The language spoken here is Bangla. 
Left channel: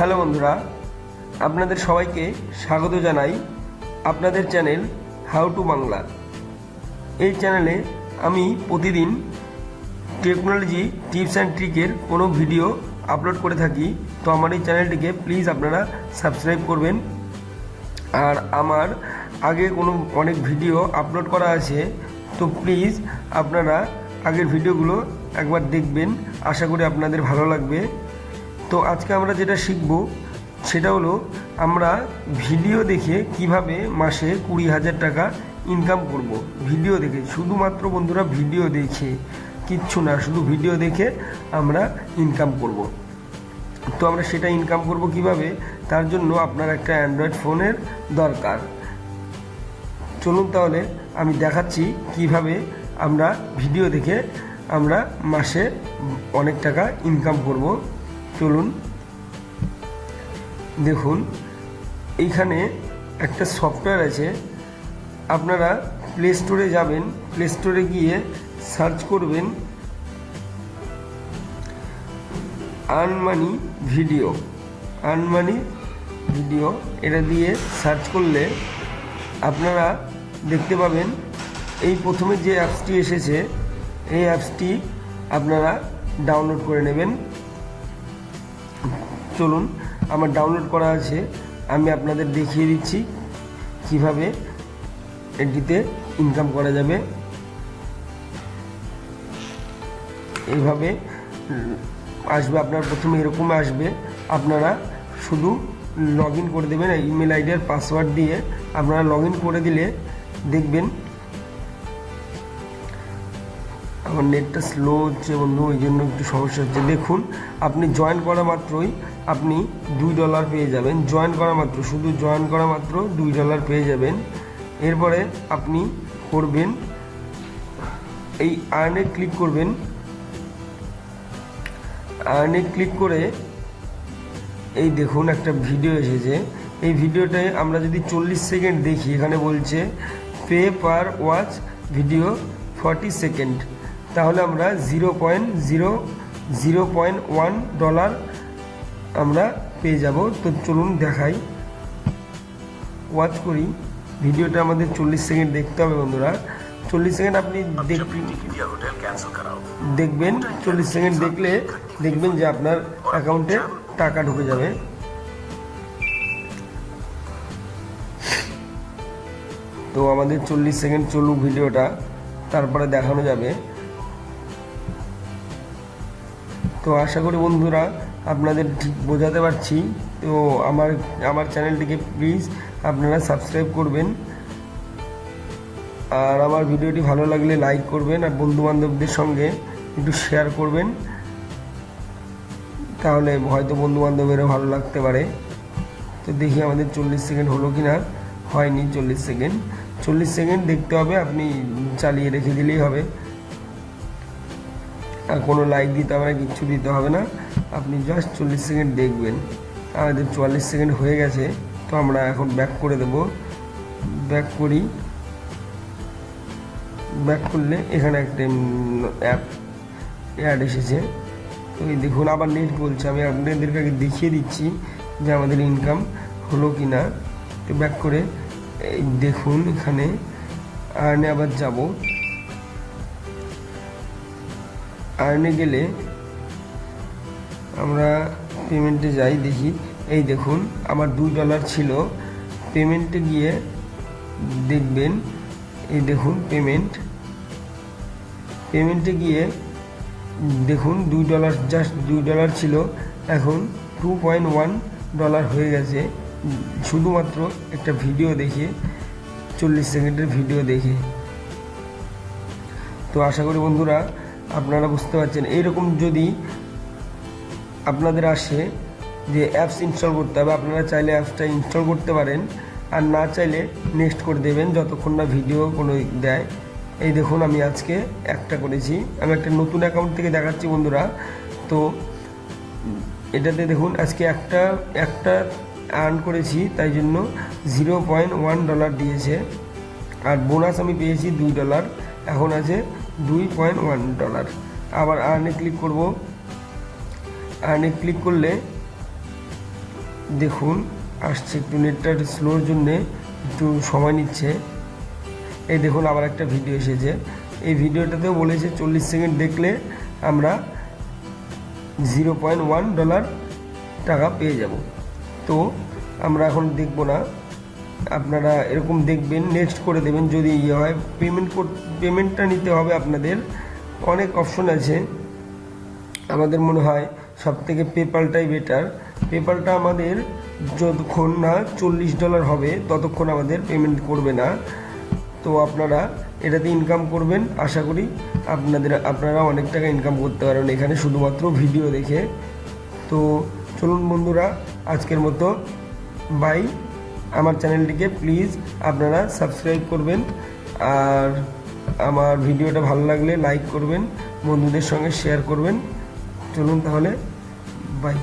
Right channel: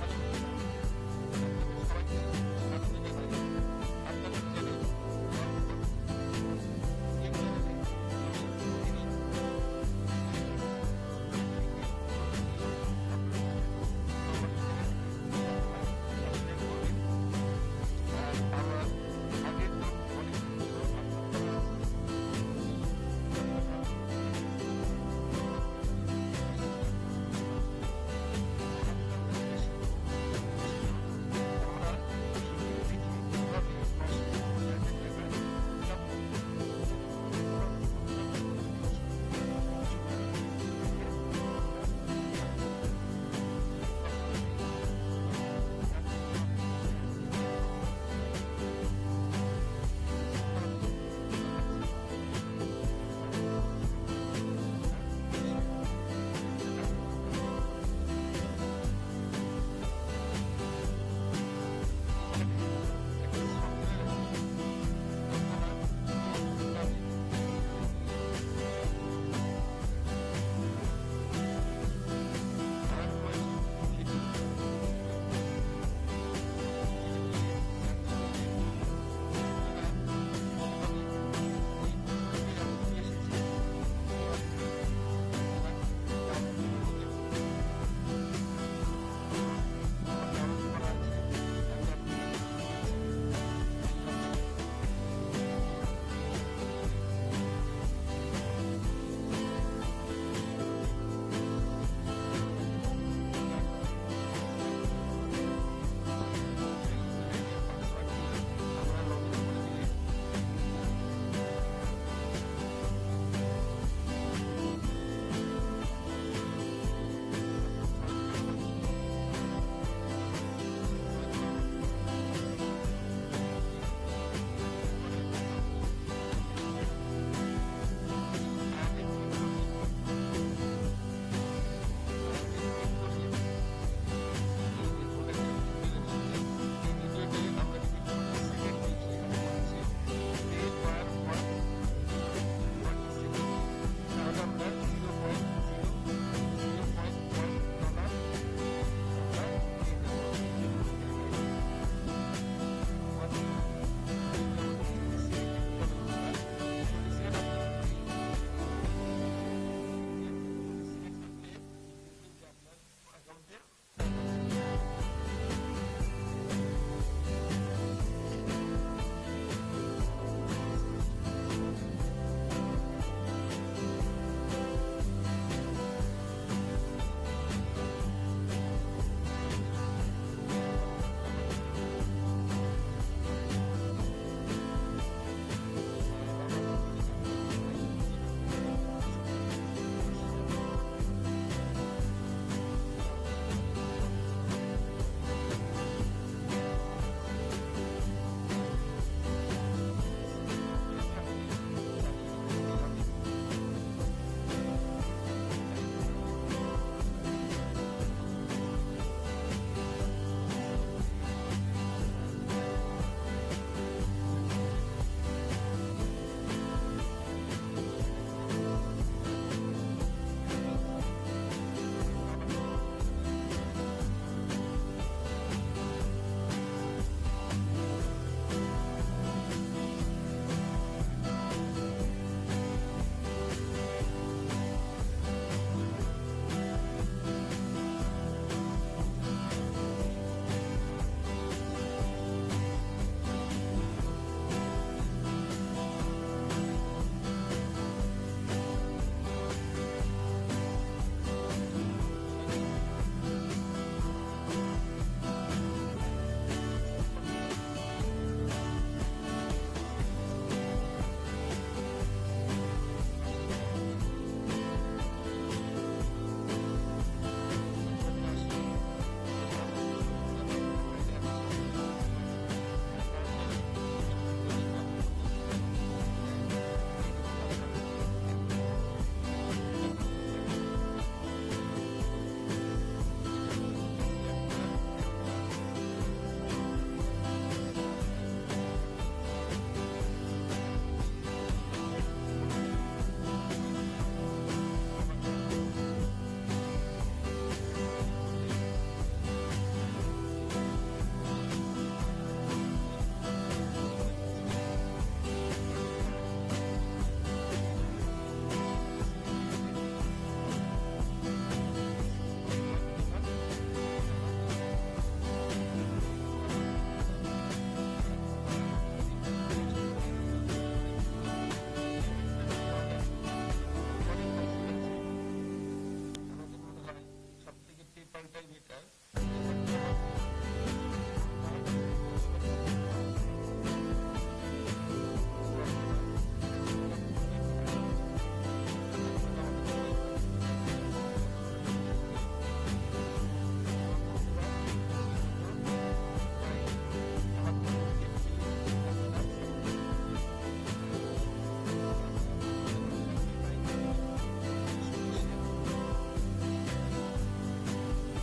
হ্যালো বন্ধুরা, আপনাদের সবাইকে স্বাগত জানাই আপনাদের চ্যানেল হাউ টু বাংলা। এই চ্যানেলে আমি প্রতিদিন টেকনোলজি টিপস অ্যান্ড ট্রিকের কোনো ভিডিও আপলোড করে থাকি। তো আমার এই চ্যানেলটিকে প্লিজ আপনারা সাবস্ক্রাইব করবেন। আর আমার আগে অনেক ভিডিও আপলোড করা আছে, তো প্লিজ আপনারা আগের ভিডিওগুলো একবার দেখবেন, আশা করি আপনাদের ভালো লাগবে। তো আজকে আমরা যেটা শিখব সেটা হলো আমরা ভিডিও দেখে কিভাবে মাসে 20,000 টাকা ইনকাম করব। ভিডিও দেখে, শুধুমাত্র বন্ধুরা ভিডিও দেখে, কিচ্ছু না, শুধু ভিডিও দেখে আমরা ইনকাম করব। তো আমরা সেটা ইনকাম করব কিভাবে, তার জন্য আপনার একটা অ্যান্ড্রয়েড ফোনের দরকার। চলুন তাহলে আমি দেখাচ্ছি কিভাবে আমরা ভিডিও দেখে আমরা মাসে অনেক টাকা ইনকাম করব। চলুন দেখুন, এইখানে একটা সফটওয়্যার আছে। আপনারা প্লে স্টোরে যাবেন, প্লে স্টোরে গিয়ে সার্চ করবেন আর্নমানি ভিডিও। এটা দিয়ে সার্চ করলে আপনারা দেখতে পাবেন এই প্রথমে যে অ্যাপসটি এসেছে, এই অ্যাপসটি আপনারা ডাউনলোড করে নেবেন। চলুন, আমার ডাউনলোড করা আছে, আমি আপনাদের দেখিয়ে দিচ্ছি কিভাবে এটিতে ইনকাম করা যাবে। এইভাবে আসবে, আপনার প্রথমে এরকম আসবে। আপনারা শুধু লগ ইন করে দেবেন ইমেল আইডি আর পাসওয়ার্ড দিয়ে। আপনারা লগ ইন করে দিলে দেখবেন, আমার নেটটা স্লো হচ্ছে বন্ধু, ওই জন্য একটু সমস্যা হচ্ছে। দেখুন, আপনি জয়েন করা মাত্রই আপনি $2 পেয়ে যাবেন। শুধু জয়েন করা মাত্র $2 পেয়ে যাবেন। এরপরে আপনি করবেন এই আর্নে ক্লিক করবেন। আর্নে ক্লিক করে এই দেখুন একটা ভিডিও এসেছে। এই ভিডিওটায় আমরা যদি 40 সেকেন্ড দেখি, এখানে বলছে pay per watch video 40 second, তাহলে আমরা $0.1 আমরা পেয়ে যাব। তো চলুন দেখাই, ওয়াচ করি। ভিডিওটা আমাদের 40 সেকেন্ড দেখতে হবে বন্ধুরা। 40 সেকেন্ড আপনি দেখবেন। 40 সেকেন্ড দেখলে দেখবেন যে আপনার অ্যাকাউন্টে টাকা ঢুকে যাবে। তো আমাদের 40 সেকেন্ড চলুক ভিডিওটা, তারপরে দেখানো যাবে। তো আশা করি বন্ধুরা আপনাদের ঠিক বোঝাতে পারছি। তো আমার চ্যানেলটিকে প্লিজ আপনারা সাবস্ক্রাইব করবেন, আর আমার ভিডিওটি ভালো লাগলে লাইক করবেন, আর বন্ধুবান্ধবদের সঙ্গে একটু শেয়ার করবেন, তাহলে হয়তো বন্ধুবান্ধবেরও ভালো লাগতে পারে। তো দেখি আমাদের 40 সেকেন্ড হলো কি না। হয়নি 40 সেকেন্ড দেখতে হবে, আপনি চালিয়ে রেখে দিলেই হবে। আর কোনো লাইক দিতে হবে না, কিচ্ছু দিতে হবে না, আপনি জাস্ট 40 সেকেন্ড দেখবেন। আমাদের 44 সেকেন্ড হয়ে গেছে। তো আমরা এখন ব্যাক করে দেব। ব্যাক করি। ব্যাক করলে এখানে একটা অ্যাড এসেছে। ওই দেখুন, আবার নেট বলছে। আমি আপনাদেরকে আগে দেখিয়ে দিচ্ছি যে আমাদের ইনকাম হলো কি না। তো ব্যাক করে দেখুন, এখানে আর্নে আবার যাব। আর্নে গেলে আমরা পেমেন্টে যাই, দেখি। এই দেখুন, আমার $2 ছিল। পেমেন্টে গিয়ে দেখবেন, এই দেখুন পেমেন্টে গিয়ে দেখুন $2, জাস্ট $2 ছিল, এখন $2.1 হয়ে গেছে, শুধুমাত্র একটা ভিডিও দেখে, 40 সেকেন্ডের ভিডিও দেখে। তো আশা করি বন্ধুরা আপনারা বুঝতে পারছেন। এইরকম যদি আপনাদের আসে যে অ্যাপস ইনস্টল করতে হবে, আপনারা চাইলে অ্যাপসটা ইনস্টল করতে পারেন, আর না চাইলে নেক্সট করে দেবেন যতক্ষণ না ভিডিও কোনো দেয়। এই দেখুন, আমি আজকে একটা করেছি। আমি একটা নতুন অ্যাকাউন্ট থেকে দেখাচ্ছি বন্ধুরা। তো এটাতে দেখুন, আজকে একটা আর্ন করেছি, তাই জন্য $0.1 দিয়েছে। আর বোনাস আমি পেয়েছি $2, এখন আছে $2.1। আবার আর্নে ক্লিক করব। আর্নে ক্লিক করলে দেখুন আসছে, একটু নেটটা স্লোর জন্যে একটু সময় নিচ্ছে। এই দেখুন আবার একটা ভিডিও এসেছে। এই ভিডিওটাতেও বলেছে 40 সেকেন্ড দেখলে আমরা $0.1 টাকা পেয়ে যাব। তো আমরা এখন দেখব না, আপনারা এরকম দেখবেন, নেক্সট করে দেবেন যদি ইয়ে হয়। পেমেন্টটা নিতে হবে আপনাদের, অনেক অপশন আছে। আমাদের মনে হয় সবথেকে পেপ্যালটাই বেটার। পেপ্যালটা আমাদের যতক্ষণ না $40 হবে ততক্ষণ আমাদের পেমেন্ট করবে না। তো আপনারা এটাতে ইনকাম করবেন, আশা করি আপনারা অনেক টাকা ইনকাম করতে পারবেন এখানে শুধুমাত্র ভিডিও দেখে। তো চলুন বন্ধুরা, আজকের মতো বাই। আমার চ্যানেলটিকে প্লিজ আপনারা সাবস্ক্রাইব করবেন, আর আমার ভিডিওটা ভালো লাগলে লাইক করবেন, বন্ধুদের সঙ্গে শেয়ার করবেন। চলুন তাহলে, বাই।